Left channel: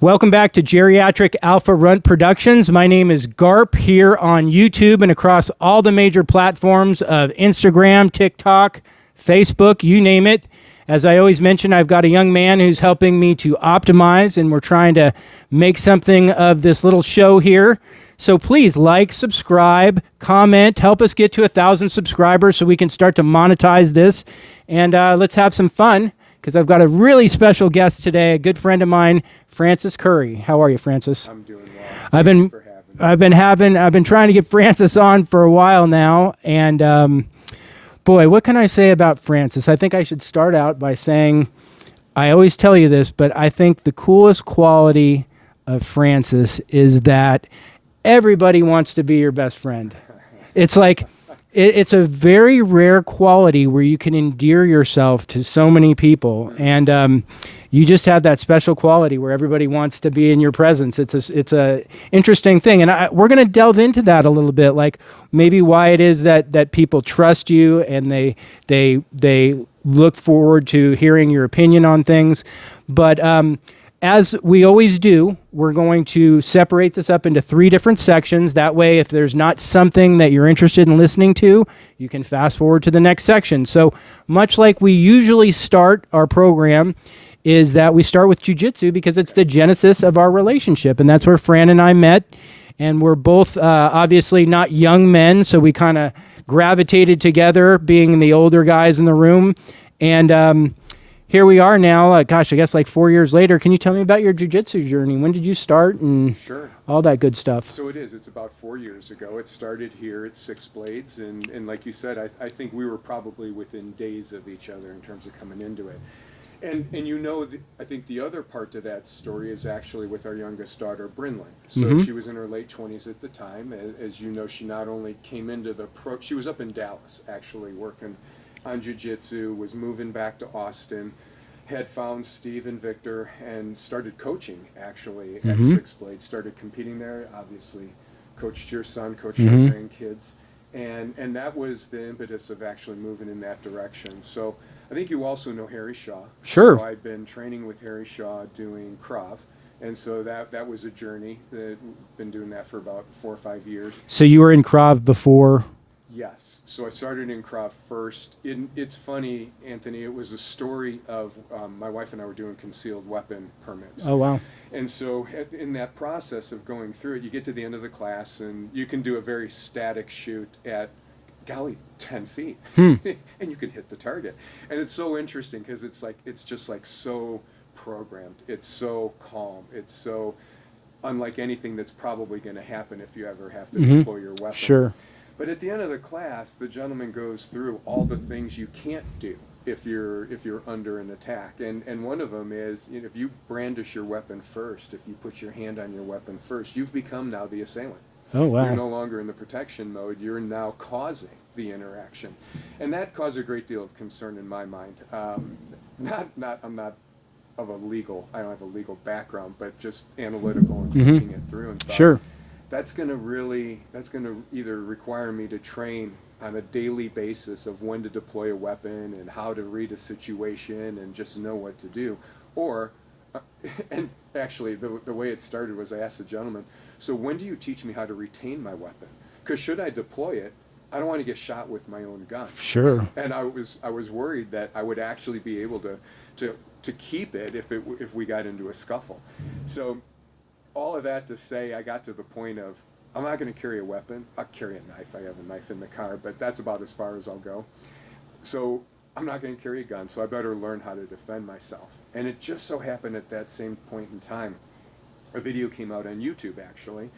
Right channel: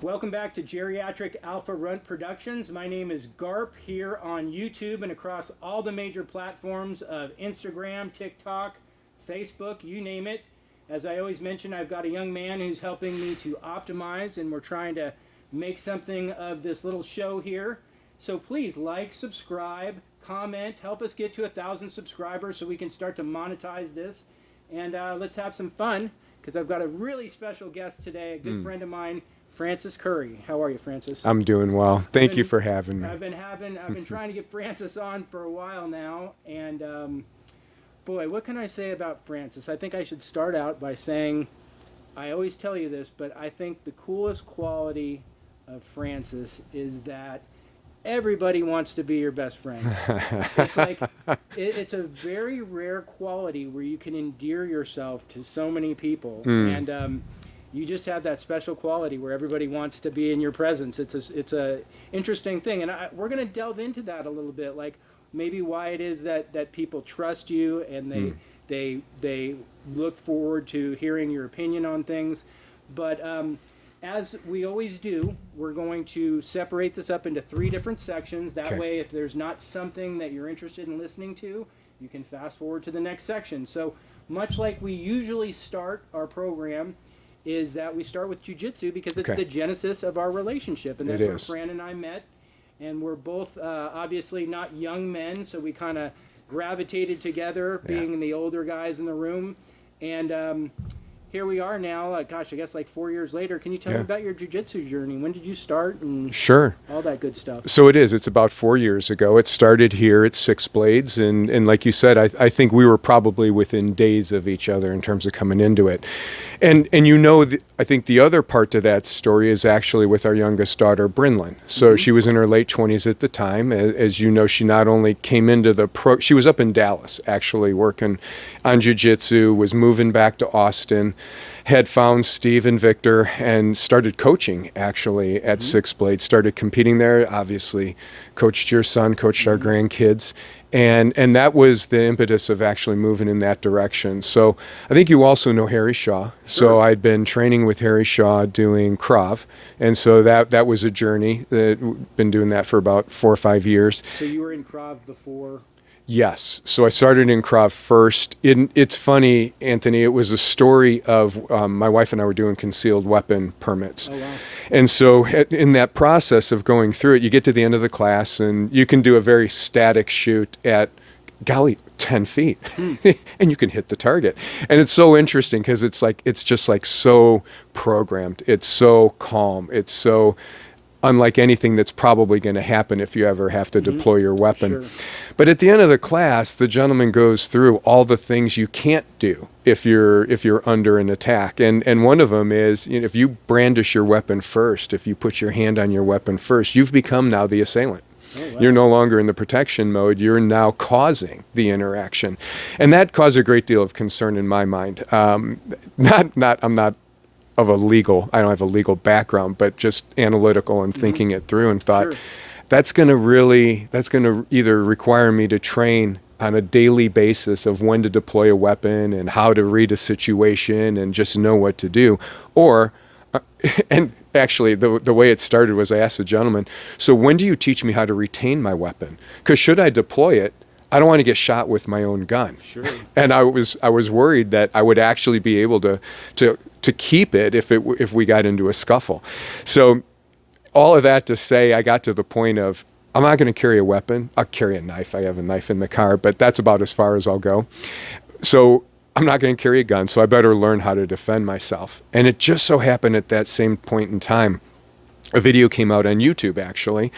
Welcome back to Geriatric Alpha Runt Productions. My name is Garp here on YouTube and across all the major platforms of Instagram, TikTok, Facebook, you name it. As I always mention, I've got a young man who's helping me to optimize, and we're trying to make something of this little show here. So please like, subscribe, comment, help us get to 1,000 subscribers so we can start to monetize this. And let's have some fun, because I've got a really special guest today, a good friend of mine, Francis Curry. How are you, Francis? I'm doing well. Thank you for having me. I've been trying to get Francis on for a while now, and boy, what can I say about Francis? I think I should start out by saying, I always tell you this, but I think the coolest quality of Francis is that everybody wants to be your best friend. It's like, it's a very rare quality where you can endear yourself to so many people. And you just have that special quality where everybody wants to be in your presence. It's a interesting thing. And we're going to delve into that a little bit, like maybe why it is that people trust you and they look forward to hearing your opinion on things. But as we always do, we're going to separate this up into 3 different sections. That way, if there's not something that you're interested in listening to, you can fast forward to the next section. So much like we usually start our program, is that we start with jiu-jitsu because it's the genesis of our relationship. And that's where Fran and I met. And we're both obviously not young men, so we kind of gravitated together, being the older guys in the room. And here we are now, gosh, I guess like 4 years later. Can you tell me about your jiu-jitsu journey? When did you start? And sure. All that good stuff. So it's about 4 years ago. It started here at Six Blades. And like you said, I think we were probably within days of each other in terms of coming into it. And I think the other part to that story is actually with our youngest daughter, Brinlyn. So she was in her late 20s at the time. As you know, she not only came into she was up in Dallas actually working on jiu-jitsu, was moving back to Austin, had found Steve and Victor and started coaching actually at Six Blades, started competing there, obviously coached your son, coached our grandkids. And that was the impetus of actually moving in that direction. So I think you also know Harry Shaw. Sure. So I'd been training with Harry Shaw doing Krav. And so that was a journey. Been doing that for about 4 or 5 years. So you were in Krav before? Yes. So I started in Krav first. It's funny, Anthony, it was a story of my wife and I were doing concealed weapon permits. Oh, wow. And so in that process of going through it, you get to the end of the class and you can do a very static shoot at, golly, 10 feet and you can hit the target. And it's so interesting because it's just like so programmed. It's so calm. It's so unlike anything that's probably going to happen if you ever have to deploy your weapon. Sure. But at the end of the class, the gentleman goes through all the things you can't do if you're under an attack. And one of them is, if you brandish your weapon first, if you put your hand on your weapon first, you've become now the assailant. Oh, wow. You're no longer in the protection mode. You're now causing the interaction. And that caused a great deal of concern in my mind. I'm not of a legal, I don't have a legal background, but just analytical and thinking it through, and thought that's going to either require me to train on a daily basis of when to deploy a weapon and how to read a situation and just know what to do. Or, and actually the way it started was I asked the gentleman, so when do you teach me how to retain my weapon? Because should I deploy it, I don't want to get shot with my own gun. Sure. And I was worried that I would actually be able to keep it if we got into a scuffle. So all of that to say, I got to the point of, I'm not going to carry a weapon. I'll carry a knife. I have a knife in the car, but that's about as far as I'll go. So I'm not going to carry a gun, so I better learn how to defend myself. And it just so happened at that same point in time, a video came out on YouTube actually,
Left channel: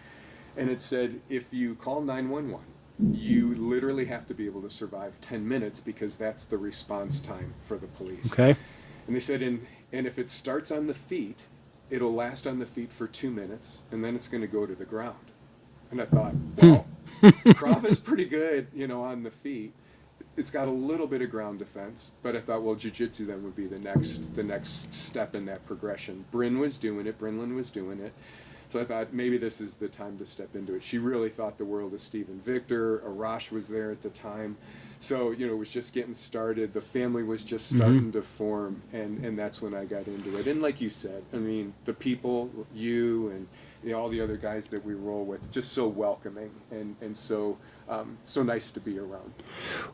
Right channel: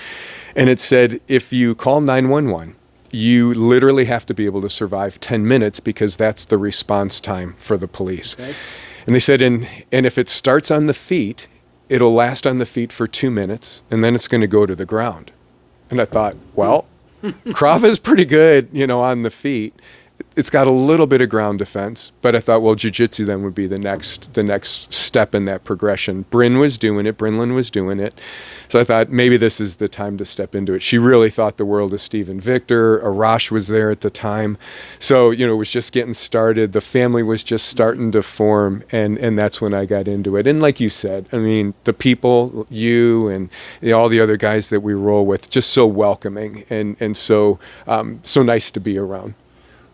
and it said, if you call 911, you literally have to be able to survive 10 minutes because that's the response time for the police. Okay. And they said, and if it starts on the feet, it'll last on the feet for 2 minutes, and then it's going to go to the ground. And I thought, well, Krav is pretty good, on the feet. it's got a little bit of ground defense, but I thought, well, jiu-jitsu then would be the next step in that progression. Brinlyn was doing it. So I thought maybe this is the time to step into it. She really thought the world of Steve and Victor. Arash was there at the time. So, it was just getting started. The family was just starting to form, and that's when I got into it. And like you said, I mean, the people, you and all the other guys that we roll with, just so welcoming and so nice to be around.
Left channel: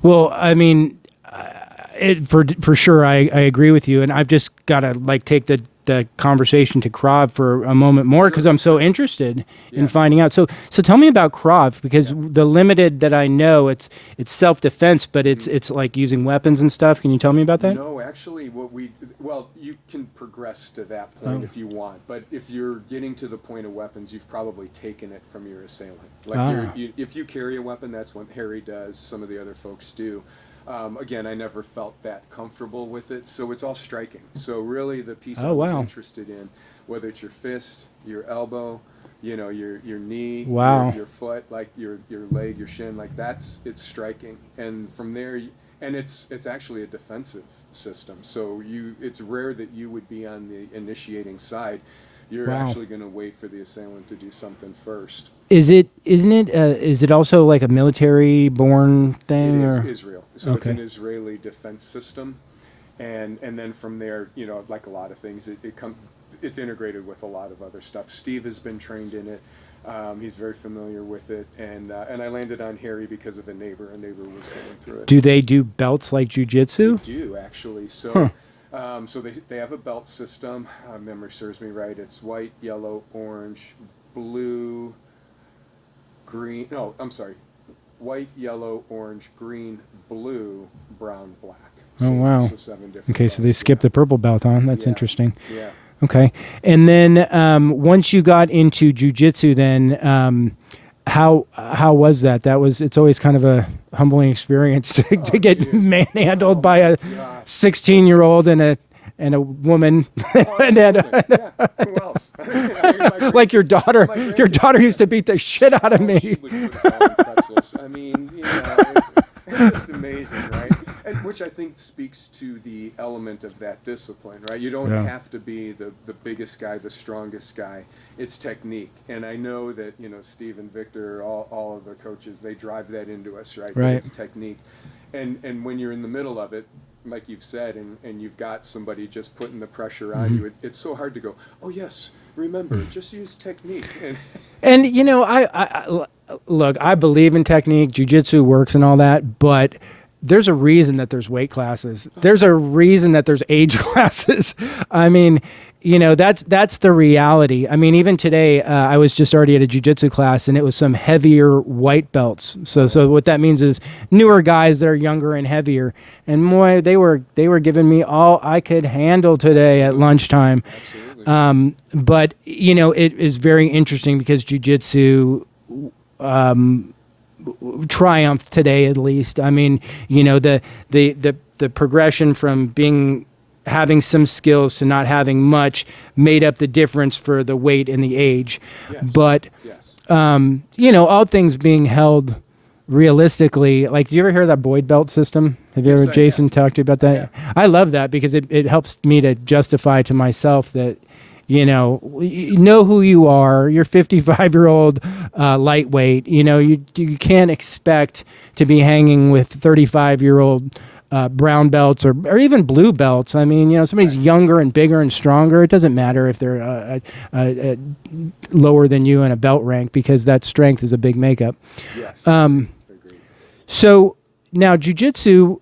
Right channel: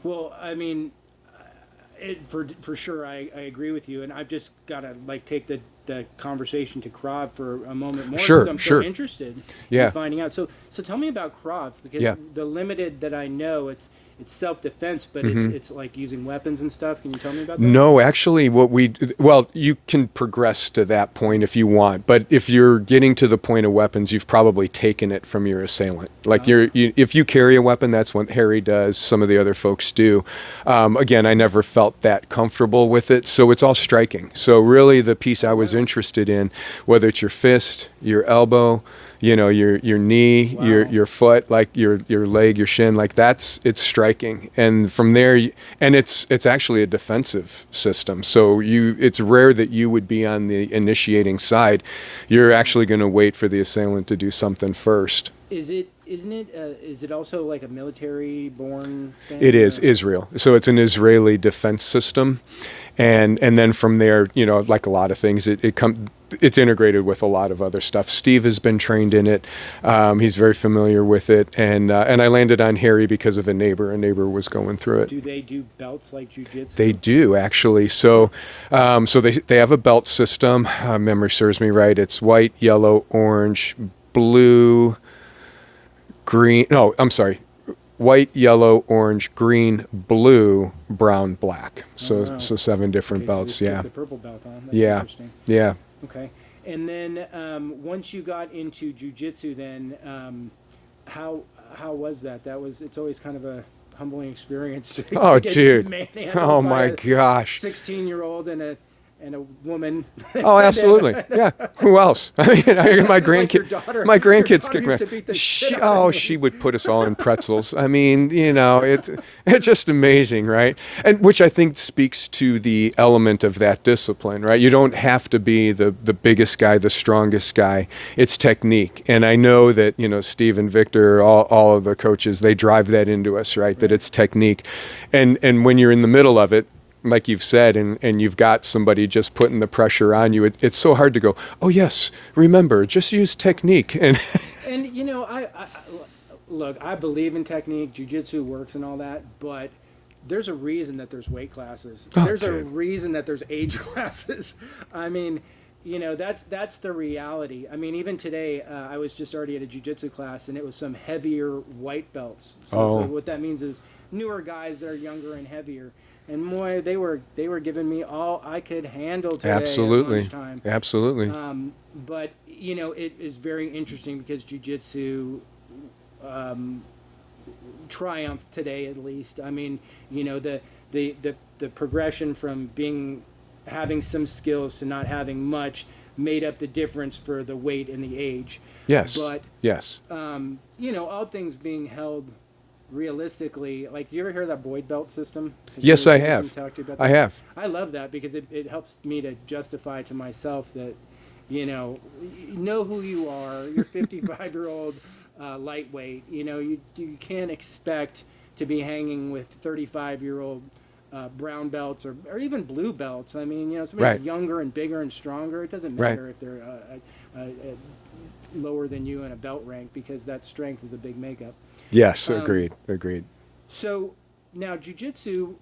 Well, I mean, for sure, I agree with you, and I've just got to take the conversation to Krav for a moment more because I'm so interested in finding out. So tell me about Krav, because the limited that I know, it's self-defense, but it's like using weapons and stuff. Can you tell me about that? No, actually, you can progress to that point if you want, but if you're getting to the point of weapons, you've probably taken it from your assailant. Like if you carry a weapon, that's what Harry does. Some of the other folks do. Again, I never felt that comfortable with it, so it's all striking. So really, the piece I was interested in, whether it's your fist, your elbow, your knee, your foot, like your leg, your shin, like it's striking. And from there, and it's actually a defensive system. So it's rare that you would be on the initiating side. You're actually going to wait for the assailant to do something first. Is it also like a military born thing? It is Israel. So it's an Israeli defense system. And then from there, like a lot of things, it's integrated with a lot of other stuff. Steve has been trained in it. He's very familiar with it. And I landed on Harry because of a neighbor. A neighbor was going through it. Do they do belts like jiu-jitsu? They do, actually. So so they have a belt system. Memory serves me right. It's white, yellow, orange, blue, green. No, I'm sorry. White, yellow, orange, green, blue, brown, black. So 7 different belts. Okay, so they skipped the purple belt, huh? That's interesting. Yeah. Okay. And then once you got into jiu-jitsu, then how was that? It's always kind of a humbling experience to get manhandled by a 16-year-old and a woman. Oh, absolutely. Yeah. Who else? I mean, my grandkids. Like your daughter. My grandkids. Your daughter used to beat the shit out of me. She would put us all in pretzels. I mean, it's just amazing, right? And which I think speaks to the element of that discipline, right? You don't have to be the biggest guy, the strongest guy. It's technique. And I know that, Steve and Victor, all of the coaches, they drive that into us, right? That it's technique. And when you're in the middle of it, like you've said, and you've got somebody just putting the pressure on you, it's so hard to go, oh yes, remember, just use technique. And I look, I believe in technique, jiu-jitsu works and all that, but there's a reason that there's weight classes. There's a reason that there's age classes. I mean, that's the reality. I mean, even today, I was just already at a jiu-jitsu class, and it was some heavier white belts. So what that means is newer guys that are younger and heavier. And boy, they were giving me all I could handle today at lunchtime. Absolutely. But it is very interesting because jiu-jitsu triumphed today, at least. I mean, the progression from having some skills to not having much made up the difference for the weight and the age. Yes. But, all things being held realistically, like, do you ever hear that Boyd belt system? Yes, I have. Jason talked to you about that? I have. I love that because it helps me to justify to myself that, you know who you are. You're 55-year-old lightweight. You can't expect to be hanging with 35-year-old brown belts or even blue belts. I mean, somebody's younger and bigger and stronger. It doesn't matter if they're lower than you in a belt rank, because that strength is a big makeup. Yes, agreed. So now jiu-jitsu,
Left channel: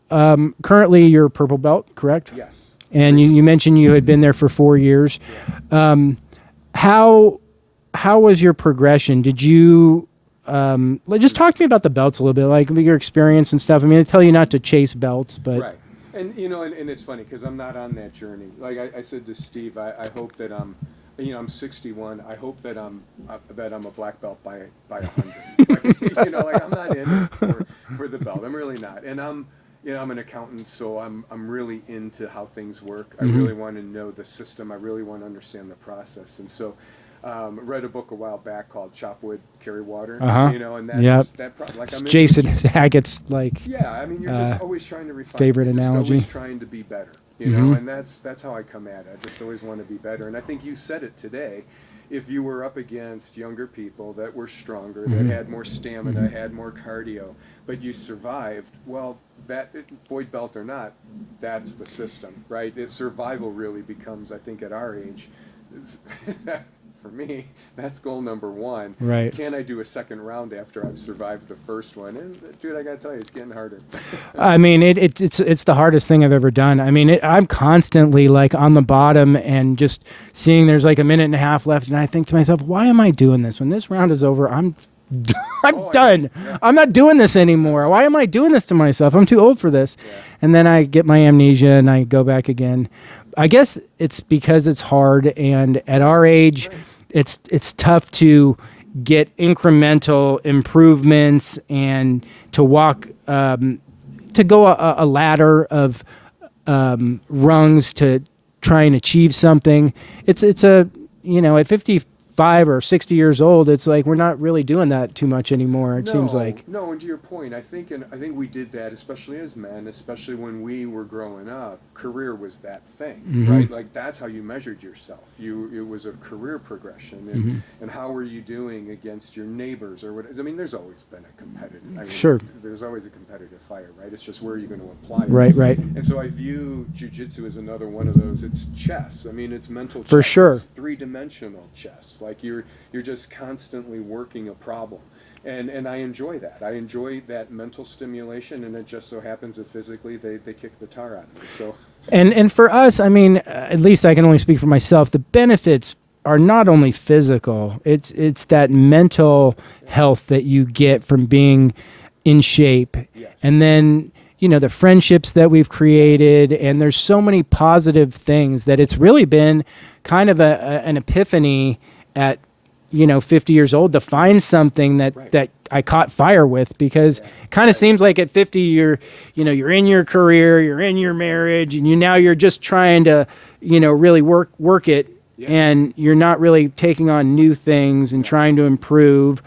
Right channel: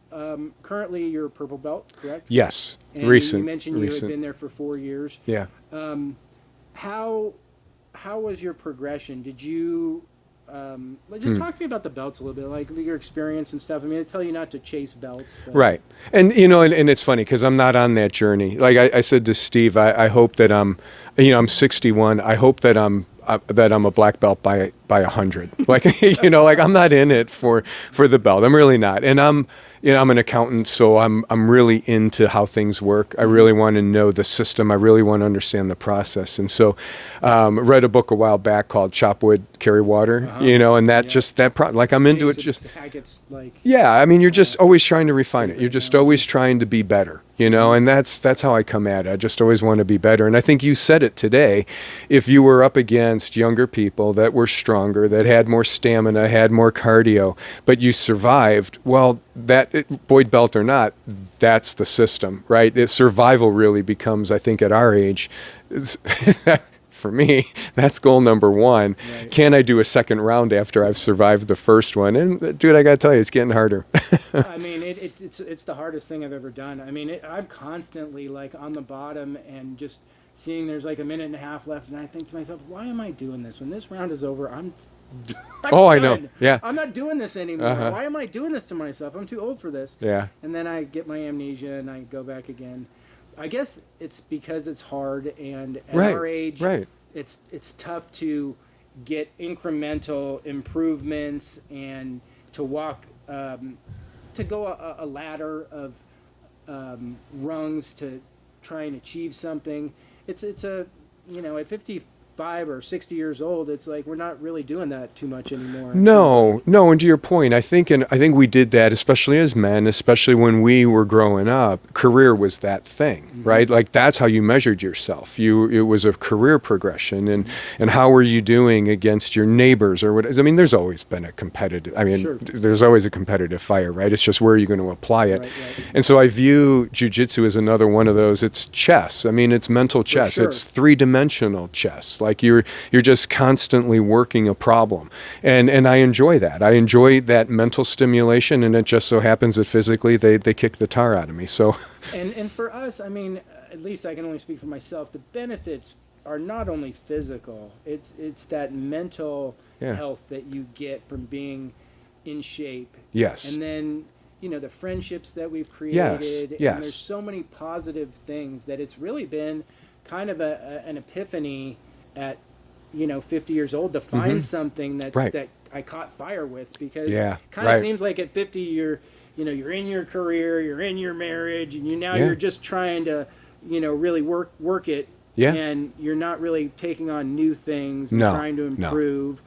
currently you're purple belt, correct? Yes. And you mentioned you had been there for 4 years. Yeah. How was your progression? Did you just talk to me about the belts a little bit, like your experience and stuff. I mean, they tell you not to chase belts, but right. And and it's funny because I'm not on that journey. Like I said to Steve, I hope that I'm 61. I hope that I'm a black belt by 100. Like like I'm not in it for the belt. I'm really not. And I'm an accountant, so I'm really into how things work. I really want to know the system. I really want to understand the process. And so, I read a book a while back called Chop Wood, Carry Water. And that just I'm into Jason it. Hackett's Yeah, I mean, you're just always trying to refine it. favorite You're just analogy. always trying to be better, and that's how I come at it. I just always want to be better. And I think you said it today. If you were up against younger people that were stronger, that had more stamina, had more cardio, but you survived, well, Boyd belt or not, that's the system, right? Survival really becomes, I think, at our age, for me, that's goal number one. Right. Can I do a second round after I've survived the first one? And dude, I got to tell you, it's getting harder. I mean, it's the hardest thing I've ever done. I mean, I'm constantly like on the bottom and just seeing there's like a minute and a half left, and I think to myself, why am I doing this? When this round is over, I'm I done. know. Yeah. I'm not doing this anymore. Why am I doing this to myself? I'm too old for this. Yeah. And then I get my amnesia and I go back again. I guess it's because it's hard, and at our age, it's tough to get incremental improvements and to walk, to go a ladder of rungs to try and achieve something. It's at 55 or 60 years old, it's like we're not really doing that too much anymore. No. And to your point, I think we did that, especially as men, especially when we were growing up. Career was that thing, right? Like that's how you measured yourself. It was a career progression, and how were you doing against your neighbors or what? I mean, there's always been a competitive. I mean, there's always a competitive fire, right? It's just where are you going to apply it, right? And so I view jiu-jitsu as another one of those. It's chess. I mean, it's mental chess. For sure. It's three-dimensional chess. Like you're just constantly working a problem, and I enjoy that. I enjoy that mental stimulation, and it just so happens that physically they kick the tar out of me. So, and for us, I mean, at least I can only speak for myself. The benefits are not only physical; it's that mental health that you get from being in shape. Yes, and then the friendships that we've created, and there's so many positive things that it's really been kind of an epiphany at 50 years old to find something that I caught fire with, because it kind of seems like at 50 you're in your career, you're in your marriage, and you're just trying to really work it, and you're not really taking on new things and trying to improve.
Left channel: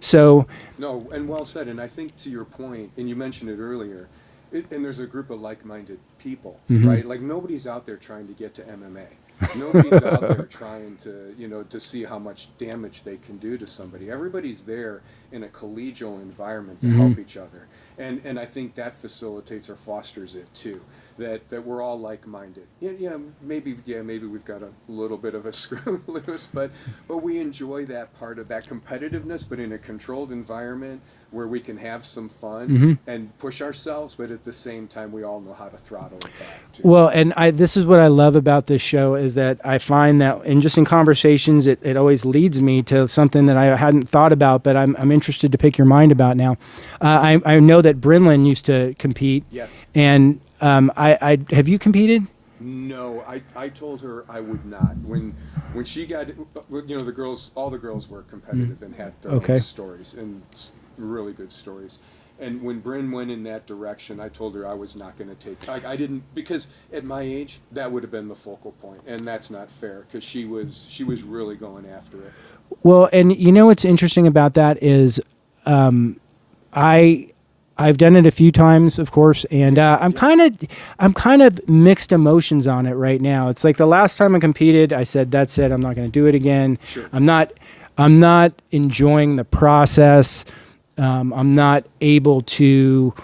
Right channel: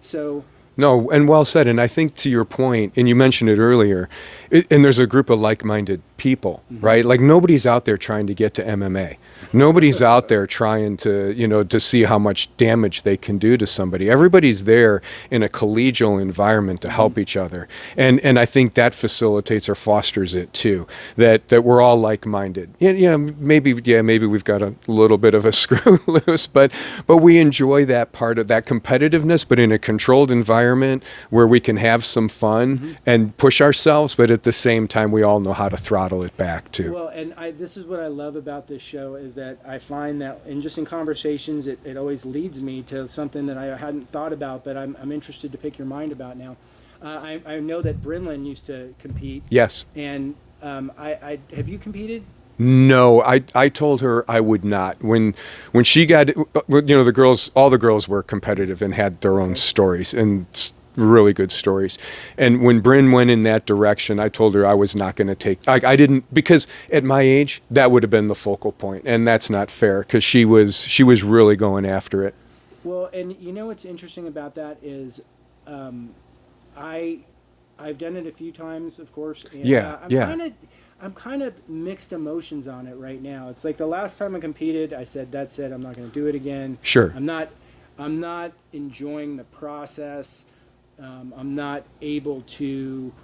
So no, and well said. And I think to your point, and you mentioned it earlier, and there's a group of like-minded people, right? Like nobody's out there trying to get to MMA. Nobody's out there trying to, to see how much damage they can do to somebody. Everybody's there in a collegial environment to help each other. And I think that facilitates or fosters it too, that we're all like-minded. Maybe we've got a little bit of a screw loose, but we enjoy that part of that competitiveness, but in a controlled environment where we can have some fun and push ourselves, but at the same time, we all know how to throttle it back too. Well, and this is what I love about this show is that I find that in conversations, it always leads me to something that I hadn't thought about, but I'm interested to pick your mind about now. I know that Brinlin used to compete. Yes. And I have you competed? No, I told her I would not. When she got, all the girls were competitive and had their own stories and really good stories. And when Bryn went in that direction, I told her I was not going to take, I didn't, because at my age, that would have been the focal point, and that's not fair, because she was really going after it. Well, and what's interesting about that is I've done it a few times, of course, and I'm kind of mixed emotions on it right now. It's like the last time I competed, I said, that's it, I'm not going to do it again. Sure. I'm not enjoying the process. I'm not able to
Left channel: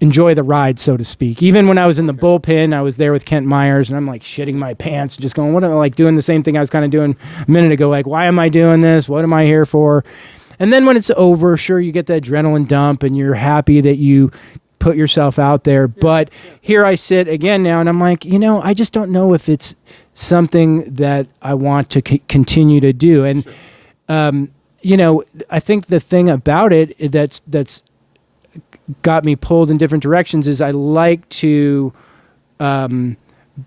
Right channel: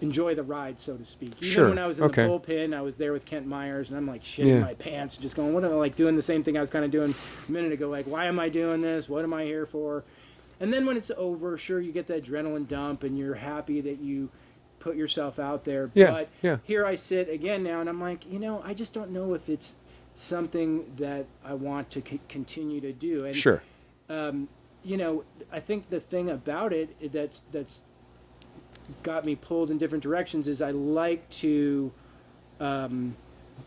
enjoy the ride, so to speak. Even when I was in the bullpen, I was there with Kent Myers, and I'm like shitting my pants, just going, what am I, like doing the same thing I was kind of doing a minute ago, like, why am I doing this? What am I here for? And then when it's over, sure, you get the adrenaline dump, and you're happy that you put yourself out there. But here I sit again now, and I'm like, I just don't know if it's something that I want to continue to do. And sure. I think the thing about it that's got me pulled in different directions is I like to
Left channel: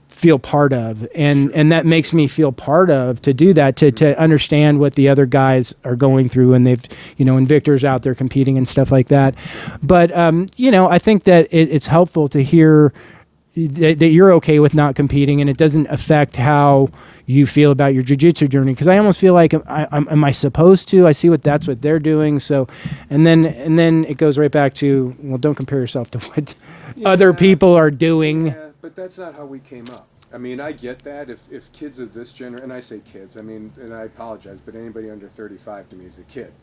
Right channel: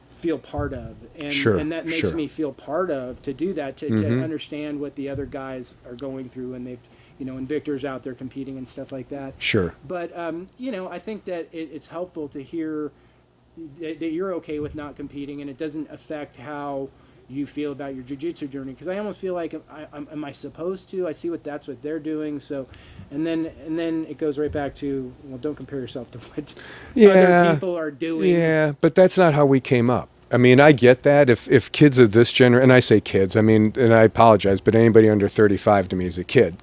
feel part of, and Sure, and that makes sure. me feel part of, to do that, to understand what the other guys are going through, and they've, and Victor's out there competing and stuff like that. Sure. But I think that it's helpful to hear that you're okay with not competing, and it doesn't affect how you feel about your jiu-jitsu journey. Because I almost feel like, am I supposed to? I see that's what they're doing. So, and then it goes right back to, well, don't compare yourself to what other people are doing. Yeah, but that's not how we came up. I mean, I get that. If kids of this generation, and I say kids, I mean, and I apologize, but anybody under 35 to me is a kid.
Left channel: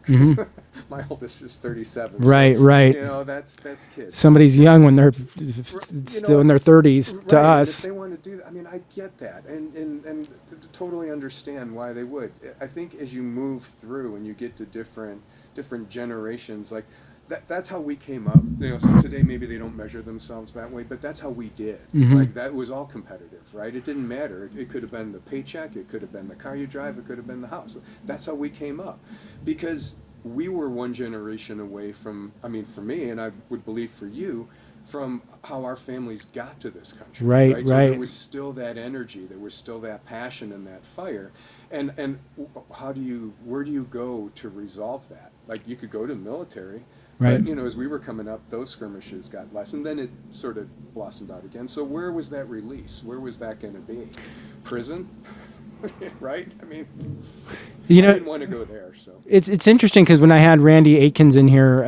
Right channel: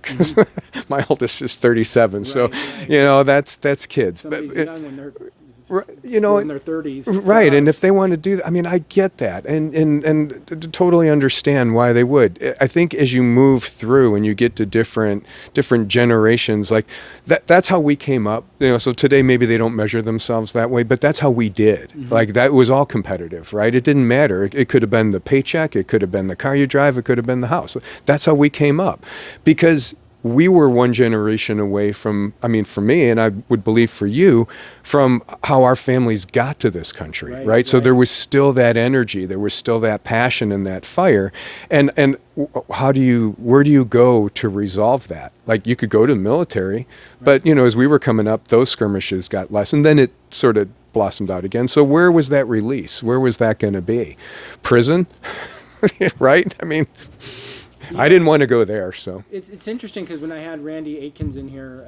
My oldest is 37. Right, so, right. That's kids. Somebody's young when they're still in their 30s. Right, and if they want to do that, I mean, I get that, and totally understand why they would. I think as you move through and you get to different generations, like that's how we came up. So today maybe they don't measure themselves that way, but that's how we did. Like that was all competitive, right? It didn't matter. It could have been the paycheck, it could have been the car you drive, it could have been the house. That's how we came up, because we were one generation away from, I mean, for me, and I would believe for you, from how our families got to this country, right? So there was still that energy, there was still that passion and that fire. And where do you go to resolve that? Like, you could go to the military, but, as we were coming up, those skirmishes got less, and then it sort of blossomed out again. So where was that release? Where was that going to be? Prison? Right? I mean, I didn't want to go there. So it's interesting, because when I had Randy Aitkins in here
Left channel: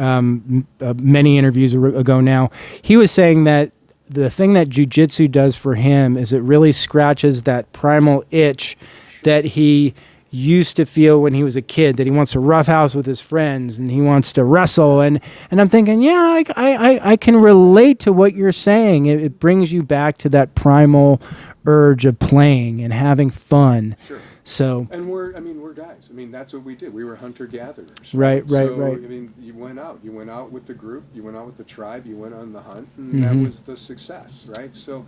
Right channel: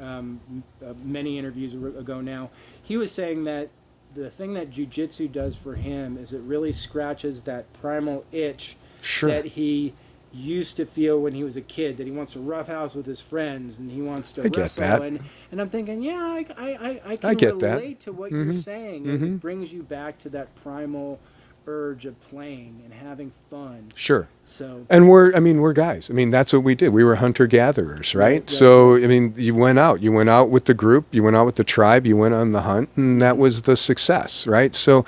many interviews ago now, he was saying that the thing that jiu-jitsu does for him is it really scratches that primal itch that he used to feel when he was a kid, that he wants to roughhouse with his friends and he wants to wrestle. And I'm thinking, I can relate to what you're saying. It brings you back to that primal urge of playing and having fun. Sure. So, and we're guys. I mean, that's what we did. We were hunter-gatherers, right? So, I mean, you went out with the group, you went out with the tribe, you went on the hunt, and that was the success, right? So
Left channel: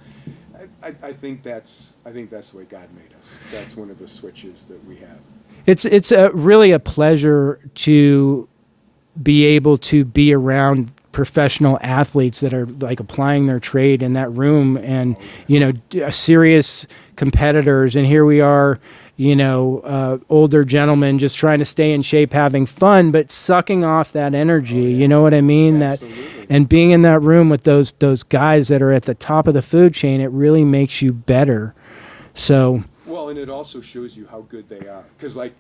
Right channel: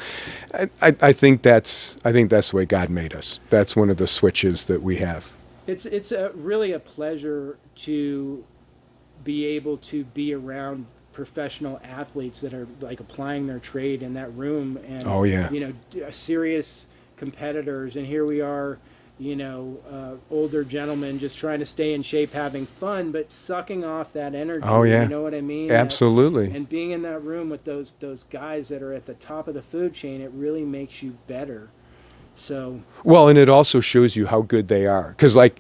I think that's the way God made us. That's one of the switches that we have. It's really a pleasure to be able to be around professional athletes that are like applying their trade in that room, and serious competitors. And here we are, older gentlemen just trying to stay in shape, having fun, but sucking off that energy. You know what I mean? Absolutely. And being in that room with those guys that are at the top of the food chain, it really makes you better. So, well, and it also shows you how good they are. Because, like,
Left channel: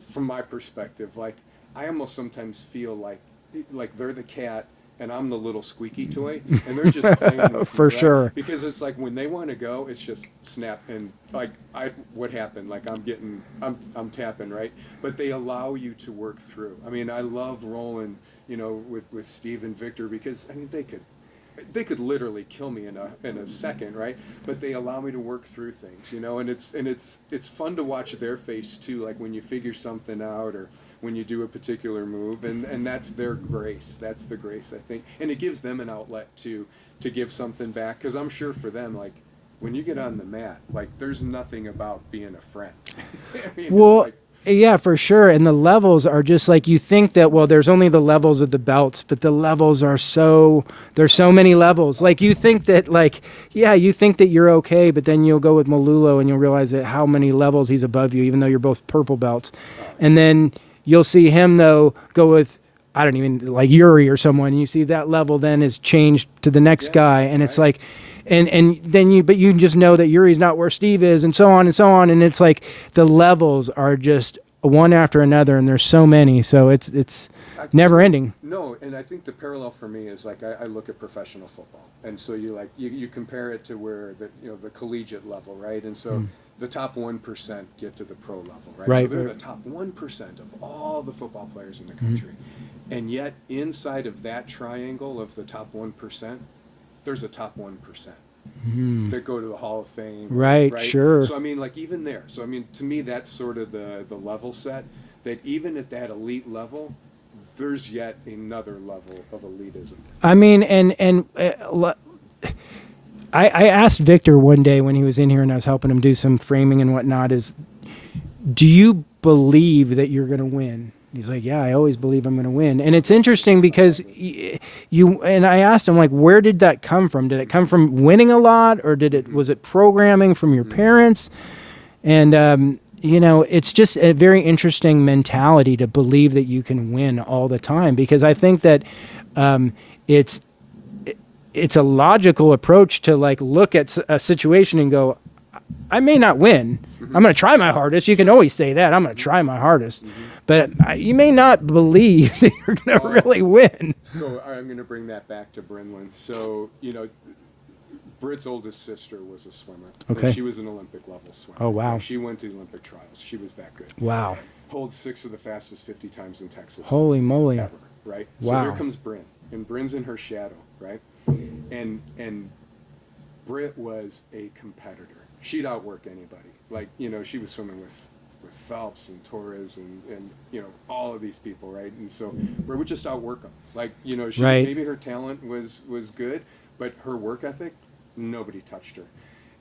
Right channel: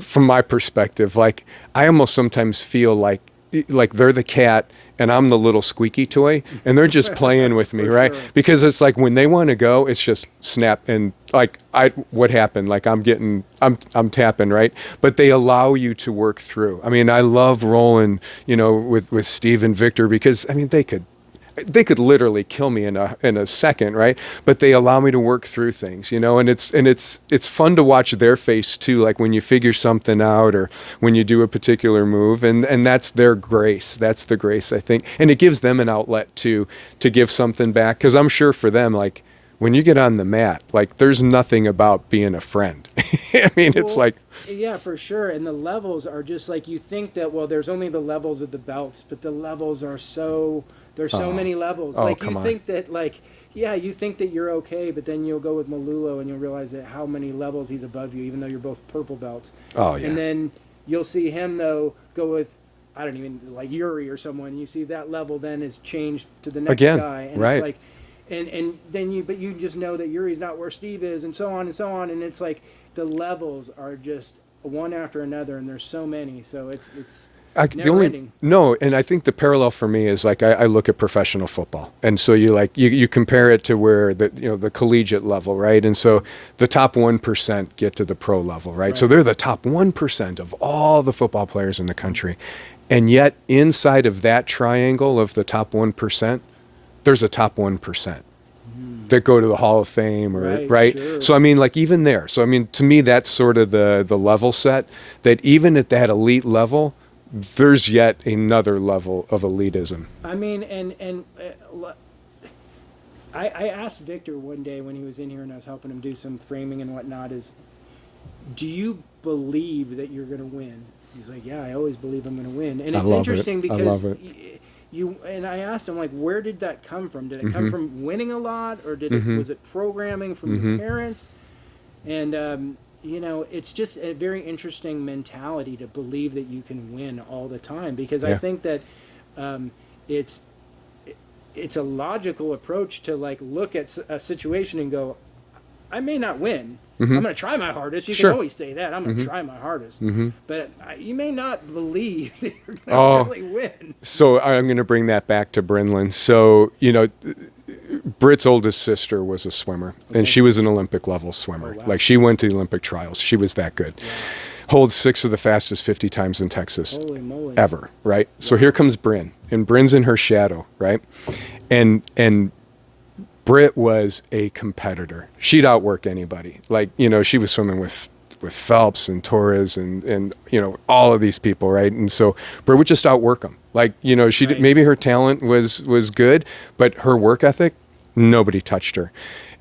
from my perspective, like, I almost sometimes feel like they're the cat and I'm the little squeaky toy, and they're just playing with me, right? Sure. Because it's like when they want to go, it's just snap, and like what happened? Like I'm tapping, right? But they allow you to work through. I mean, I love rolling, with Steve and Victor, because I mean they could literally kill me in a second, right? But they allow me to work through things, and it's fun to watch their face too, like when you figure something out or when you do a particular move, and that's their grace. That's the grace, I think. And it gives them an outlet to give something back, because I'm sure for them, like when you get on the mat, like there's nothing about being a friend. I mean, it's like, yeah, for sure. And the levels are just like, you think that, well, there's only the levels of the belts, but the levels are there's so many levels. Like you think that, like, you think that you're okay, but then you'll go with Malulo and you'll realize that how many levels he's above you, even though you're both purple belts. Oh, yeah. And then you'll see him, though, go with, I don't even, like Yuri or someone, and you see that level then is changed to the next guy. And it's like, and then you just know that Yuri's not where Steve is, and so on and so on. And it's like the levels are just one after another, and there's so many. So it's never ending. No, and I think the parallel for me is like I look at professional football, and so you compare it to where the collegiate level, right? And so the top 1% get to the pro level, right? So they're the top 1% of all the football players in the country, and yet inside of that triangle of the top 1%. There's a top 1% that go to the Hall of Fame, right? Sure. So I mean, like even there. So I mean, to me, that's sort of the level set. That even at that elite level, there's yet another level of elitism. I mean, I asked Victor one day when he was in here, and I was helping him do some framing and whatnot. Do you believe that you're going to win? He's like, yeah, I always believe I'm going to win. And it's love interesting it. because I love it. you, and I asked him, like, where did that come from? Did it come from winning a lot, or did it, was it programming from your parents? And, you know, it's just a very interesting mentality to believe that you can win all the time, because I think that it's a logical approach to, like, look at a situation and go, I may not win. I'm going to try my hardest. You can always say that. I'm going to try my hardest. But you may not believe that you're going to really win. So I'm going to bring that back to Brinlin. So, you know, Britt's oldest sister was a swimmer, and she was an Olympic level swimmer. Oh, wow. Like, she went to the Olympic trials. She was that good. Wow. Holds 6 of the fastest 50 times in Texas. Holy moly. Ever, right? So here comes Bryn, and Bryn's in her shadow, right? And Britt was a competitor. She'd outwork anybody. Like, you know, she was swimming with Phelps and Torres and you know, all of these people, right? And so Britt would just outwork them. Like, you know, she did, maybe her talent was good, but her work ethic, nobody touched her.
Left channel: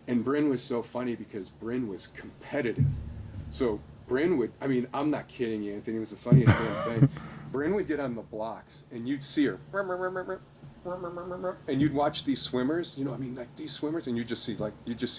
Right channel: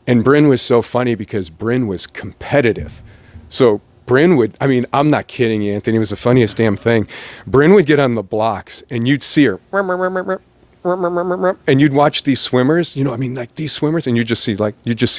And Bryn was so funny because Bryn was competitive. So Bryn would, I mean, I'm not kidding you, Anthony, it was the funniest damn thing. Bryn would get on the blocks and you'd see her, and you'd watch these swimmers, you know, I mean, like these swimmers, and you just see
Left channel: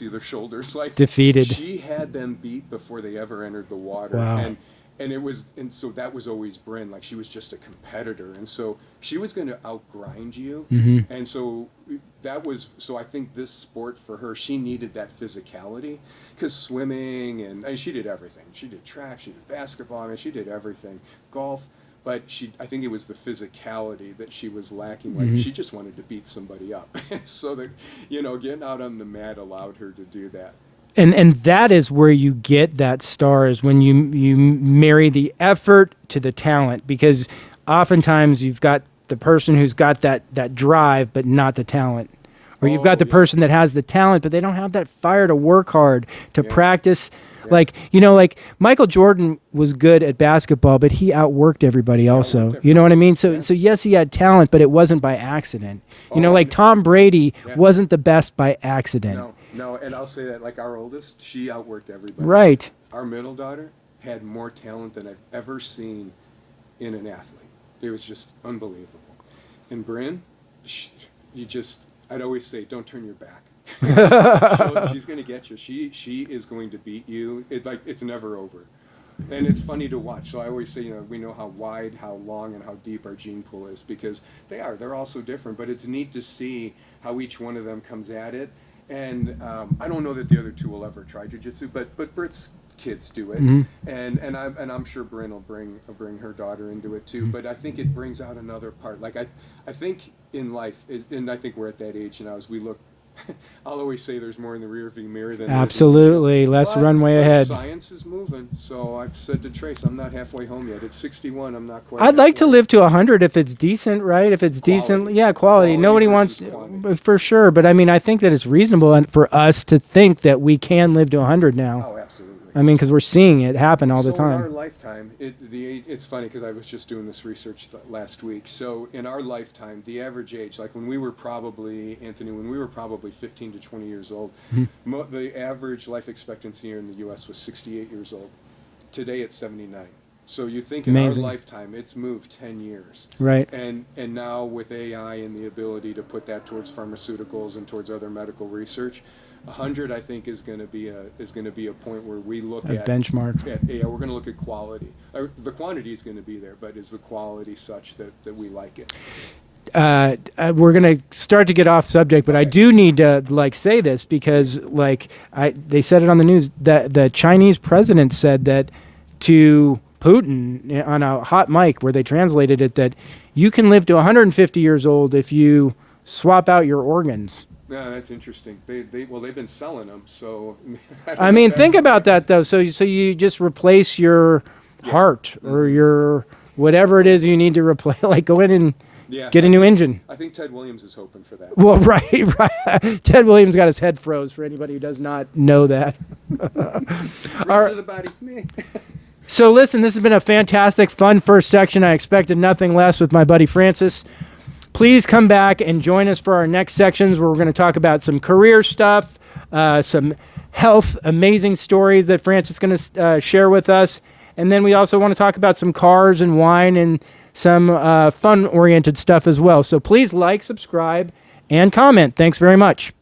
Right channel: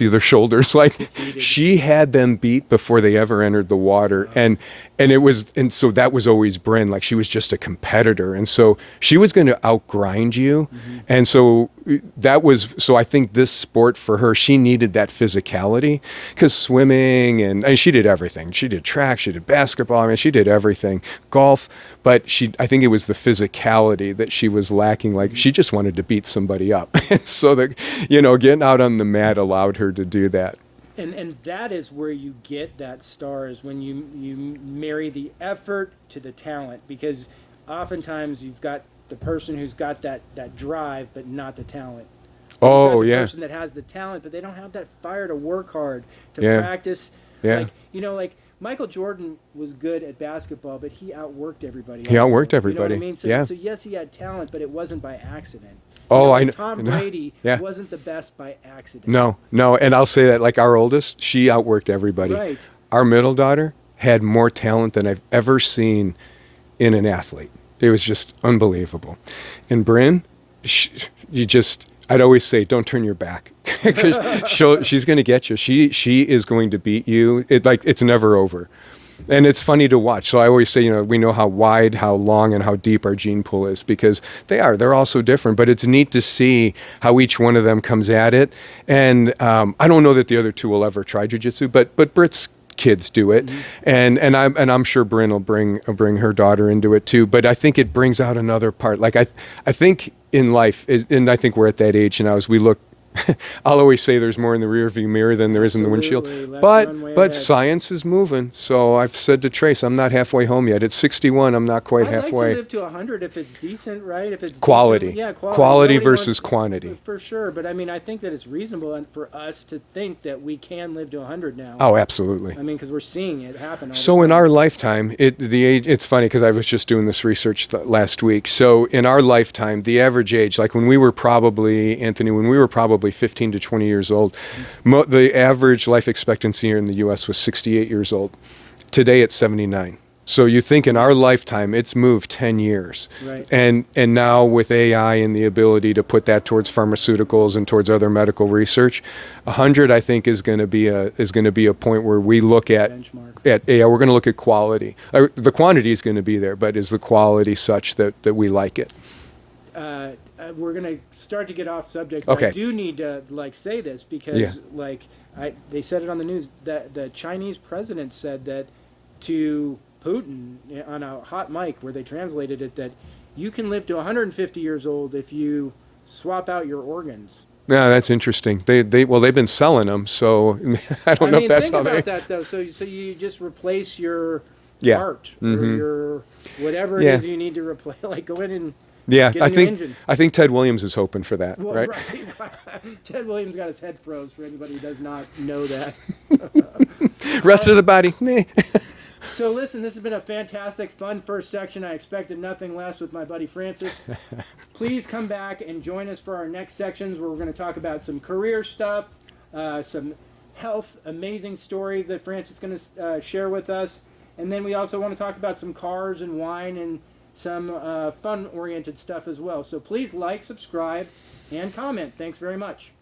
their shoulders like defeated. She had them beat before they ever entered the water. Wow. And so that was always Bryn. Like, she was just a competitor. And so she was going to outgrind you. And so I think this sport for her, she needed that physicality, because swimming and she did everything. She did track, she did basketball. I mean, she did everything, golf, but I think it was the physicality that she was lacking. Like, she just wanted to beat somebody up. So that, you know, getting out on the mat allowed her to do that. And that is where you get that star, is when you marry the effort to the talent, because oftentimes you've got the person who's got that drive but not the talent. Or you've got the person that has the talent but they don't have that fire to work hard, to practice. Yeah. Like, you know, like Michael Jordan was good at basketball, but he outworked everybody else. He outworked everybody. You know what I mean? So yes, he had talent, but it wasn't by accident. You know, like Tom Brady wasn't the best by accident. No. And I'll say that, like, our oldest, she outworked everybody. Right. Our middle daughter had more talent than I've ever seen in an athlete. It was just unbelievable. And Bryn, I'd always say, don't turn your back. She's going to get you. She is going to beat you. It's never over. And it's funny to watch. So I always say, you know, we know how wide, how long, and how deep our gene pool is, because they're all so different. But it's neat to see how each one of them comes at it. And I don't know that the other two will ever try jiu-jitsu, but Britt's kids do it, and I'm sure Bryn will bring her daughter into it too. But I think it brings out another part. Like, I think in life, and I think we're at that age now, as we look, I'll always say there's more in the rearview mirror than there is in the windshield. Absolutely, less runway ahead. But science is moving. So I've said to Trace, I'm not halfway home yet. At 61, I'm not quite halfway. I'd like to live to 100 if it's decent, right? If it's quality. Decent. Yeah, quality. Quality versus quantity. For sure. But I mean, I think that it's reasonable for us to think that we can live to 100 now. Oh, absolutely. I mean, because we're seeing it happen all the time. So in our lifetime, it's funny, because I was just doing this research last week. So in our lifetime, the average age, like when we were probably 15 to 20 years old, the average life expectancy here in the U.S. was 68 years old. Today it's 79. So you think in our lifetime, it's moved 10 years. Right. And now with AI and the ability to put that towards pharmaceuticals and towards other medical research, 100, I think, is going to be a point where we look at benchmark. We're going to look at quality. The quantity is going to be there, but is the quality such that we like it? We're going to start to get off subject, but okay. I do need to say this, because they said it on the news that the Chinese president said that to Putin on a hot mic, where they translated it, that you can live to 150 years old if you swap out your organs. Yeah, that's interesting. They've been selling them, so I mean, think about that though. So you just replace your heart or your whatever it is you need to replace, like go in and get a new engine. I think Ted Williams is hoping for that. Well, right. Ted Williams got his head froze, for anybody who does not know that. Rest of the body. So listen, this has been a fantastic, fun first section. I expected nothing less with my buddy Francis. Please come back and join us for our next sections, where we're going to talk about some career stuff, some health, amazing stories that Francis is going to share with us. And then we also want to talk about some cars and wine and some fun-oriented stuff as well. So please like, subscribe, and comment. Thanks very much.